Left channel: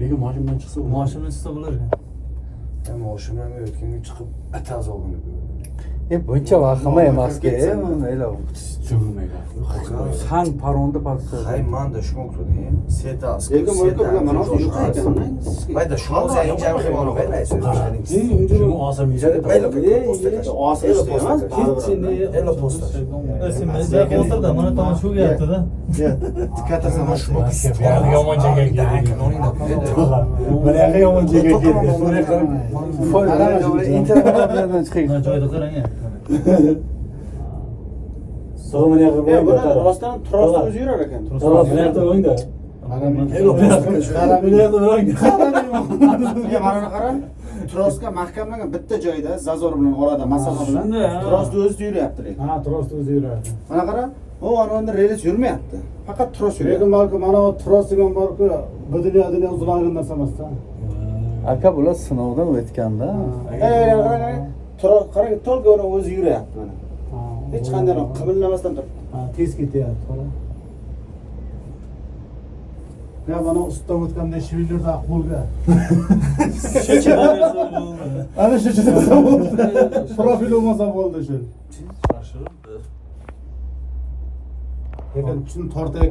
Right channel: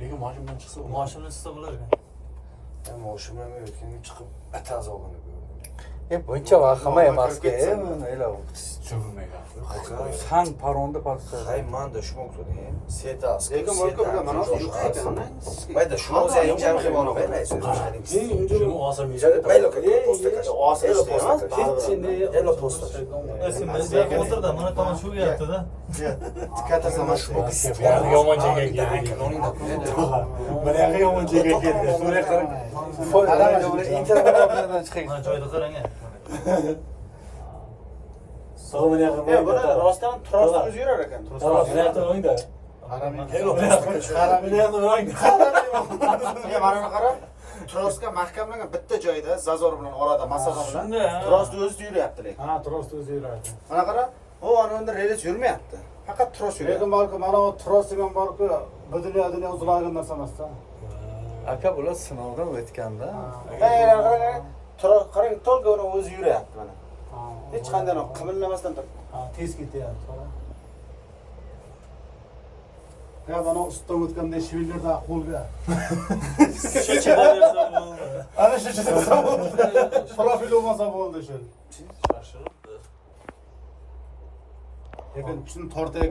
Lekin mashinadan chiqsa, Mashinadan chiqsa bo'lar ekan. Mashina ham o'tganga chiqib ataz olgan. Buncha vahima emasga, mayli. cho'g'ilmaydi. San paronda pastda. Ay, manda shunga o'tdi. Setas. Lekin bo'lsa bilan mana shu yo'q ekan. Mayda shunga o'zing jam qilib olib bermaysiz. Shuni olsam yeyadi. Mayda Mana tomon shu gapda-da. Kattasi mana shu. Yomon joyga keldik. Mana yoqqa yomon joyga keldik. Mana joyda qarang. So'mani yoqqa Buni rostdan trosda o'zi yurar ekan. o'ngda. Mana qarang. Trosga mahkamlangan bitta joyda zazor bilan orada masofa bilan trosda o'zi yuryapti lekin. Ha, trosda o'zi yuradi. Mana qara, u ananda relis yurmayapti. Faqat tros yuryapti. Lekin balki mana bu tros degan balki budiliyadini uziladigan narsa emas-da. Aka bular sinovdan o'tganda. Qarang, tros qarang, tolga uni o'zi yuryapti mana. Hech qanday qimirlamasdan turibdi. Tez ketyapti. Ya mana ustidan o'tganda shivillarda qo'lga. Ana shu chizsa bo'ldi. Profil bo'lmasa bo'ldi shu. Lekin shuni tortay